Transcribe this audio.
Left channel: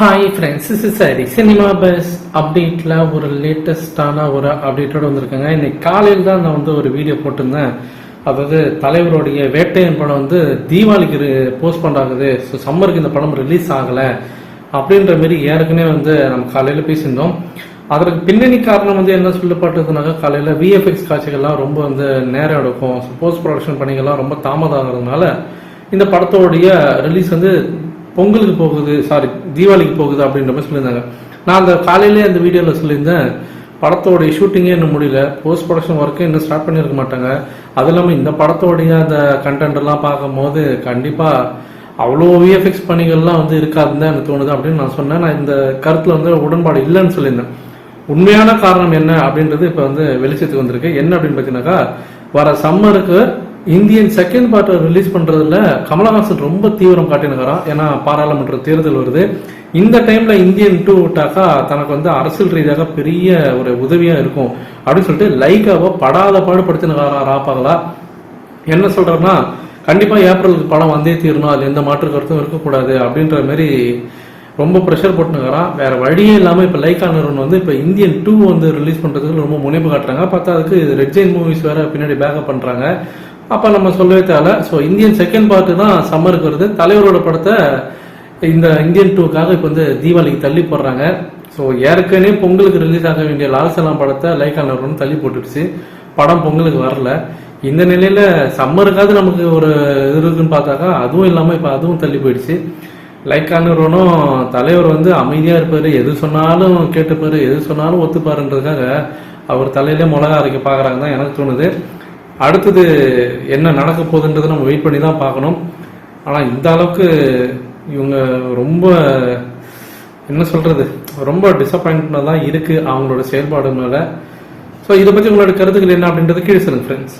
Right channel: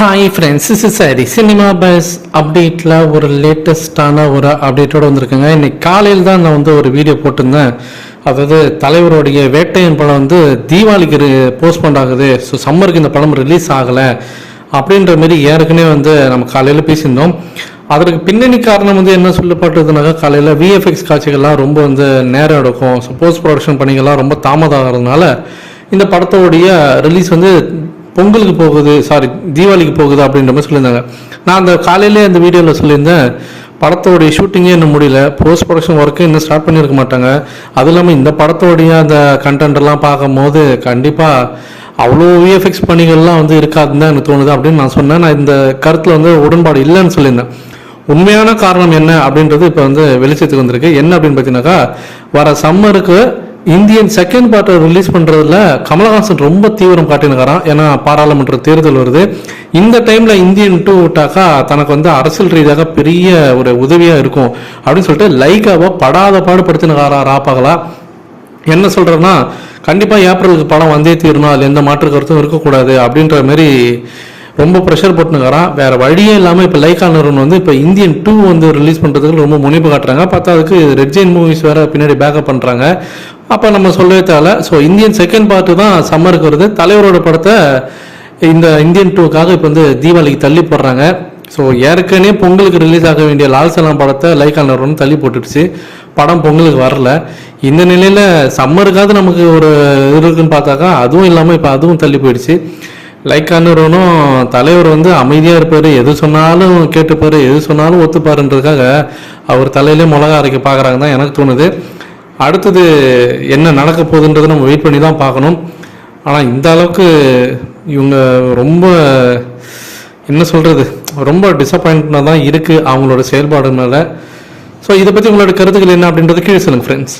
Hi friends is சரி cinema buzz அப்டேட்டில் ஒரு லேட்டஸ்டான ஒரு அப்டேட்டோட வந்திருக்குங்க. இன்னைக்கு காலையில் தான் நான் வந்து ஒரு வீடியோ போட்டிருந்தேன். அதாவது தலைவருடைய வேட்டையன் படம் வந்து தீபாவளிக்கு போஸ்ட்போன் ஆகுது. ஸோ சம்மருக்கு இந்த படம் ரிலீஸ் ஆகலை அப்படின்ற மாரி ஏற்கனவே வந்து நம்ம காலையில் பேசியிருந்தோம். அதற்கு பின்னணி காரணம் வந்து என்ன சொல்லப்பட்டதுனாக்கா காலையில் விஎஃப்எக்ஸ் காட்சிகள்லாம் ரொம்ப வந்து நேரம் எடுக்கும். ஸோ போஸ்ட் ப்ரொடக்ஷன் பணிகள்லாம் ரொம்ப தாமதம் ஆகிறதுனால இந்த படத்தோடைய ரிலீஸ் வந்து பொங்கலுக்கு போகுது சாரி தீபாவளிக்கு போகுது அப்படின்ற மாதிரி சொல்லியிருந்தாங்க. நான் அந்த காலையிலே அந்த வீடியோவில் சொல்லியிருந்தேன் படத்தோடைய ஷூட்டிங்கே இன்னும் முடியல போஸ்ட் ப்ரொடக்ஷன் ஒர்க்கு இன்னும் ஸ்டார்ட் பண்ணியிருக்க மாட்டாங்க. அதுவும் இல்லாமல் இந்த படத்தோடைய அந்த கண்டென்ட்லாம் பார்க்கும்போது கண்டிப்பாக அவ்வளோ விஎஃப்எக்ஸ் பணிகள்லாம் வந்து இருக்காதுன்னு தான் எனக்கு தோணுது அப்படின்னு நான் சொன்னேன். நான் இந்த கருத்தில் வந்து உடன்பாடு இல்லைன்னு சொல்லியிருந்தேன். உண்மையான காரணம் என்ன அப்படின்றது இப்போ வந்து வெளிச்சத்துக்கு வந்திருக்கு. என்ன அப்படின்னு பார்த்தீங்கன்னாக்கா வர சம்மருக்கு இந்தியன் செகண்ட் பார்ட்டை ரிலீஸ் பண்ணுறதுல கமலஹாசன் ரொம்ப தீவிரம் காட்டினுக்கிறான். ஏன்னா பாராளுமன்ற தேர்தல் வருது. இந்த டைமில் இந்தியன் டூ விட்டாக்கா தனக்கு வந்து அரசியல் ரீதியாக பெரிய ஒரு உதவியாக இருக்கும். அப்படின்னு சொல்லிட்டு லைக்காவை படாத பாடுபடுத்தினுக்காரா ராப்பாகலா. என்ன சொல்கிறேன்னா கண்டிப்பாக ஏப்ரலுக்கு படம் வந்தே தீரணும். அதில் எந்த மாற்று கருத்தும் இருக்கக்கூடாது அப்படின்ற மாதிரி ரொம்ப ப்ரெஷர் போட்டுனுக்கிறான். வேற வழியே இல்லாமல் இப்போ லைக்கா நிறுவனம் வந்து இப்போ இந்தியன் டூ வந்து ரிலீஸ் பண்ணுறதுக்கு ரொம்ப முனைப்பு காட்டுறாங்க. பத்தாவதுக்கு ரெட் ஜெயின் மூவிஸ் வேற பின்னாடி பேக்கப் பண்ணுறாங்க அப்போ நம்ம சொல்லவே தேவை ஸோ இந்தியன் செகண்ட் பார்ட்டு தான் சம்மருக்கு வருது. தலைவரோட படத்தை இந்த இந்தியன் டூக்காக இப்போ வந்து தீபாவளிக்கு தள்ளி போடுறாங்க. ஸோ ஏற்கனவே பொங்கலுக்கு ரிலீஸ் ஆக வேண்டிய லால் சலாம் படத்தை லைக்கா நிறுவனம் தள்ளி போட்டுடுச்சு. படம் பொங்கலுக்கு வரல. இந்த நிலையில் சம்மருக்காவது நமக்கு ஒரு இது இருக்குன்னு பார்த்தாக்கா அதுவும் இல்லாமல் இப்போ அதுவும் தள்ளி போயிடுச்சு. லைக்கா நிறுவனம் தலைவர் வந்து அமைதியாக இருப்பார். எது சொன்னாலும் கேட்டுப்பார் எது சொன்னாலும் ஒத்துப்பாருன்றதுக்காக அவர் தலையிலே மிளகா அரைக்க பார்க்குறாங்க தான் எனக்கு தோணுது. அடுத்தது என்ன நடக்க போகுதுன்றதை நம்ம வெயிட் பண்ணி தான் பார்க்கணும். ஆனால் இந்த அளவுக்கு இவங்க ரொம்ப என்ன சொல்கிறது ரொம்ப டிசப்பாயின்மெண்ட்டாக தான் இருக்குது அவங்களோட செயல்பாடு மேலே. ஸோ இதை பற்றி உங்களோட கருத்துக்கள் என்ன அப்படின்றது கீழே சொல்லுங்கள் ஃப்ரெண்ட்ஸ்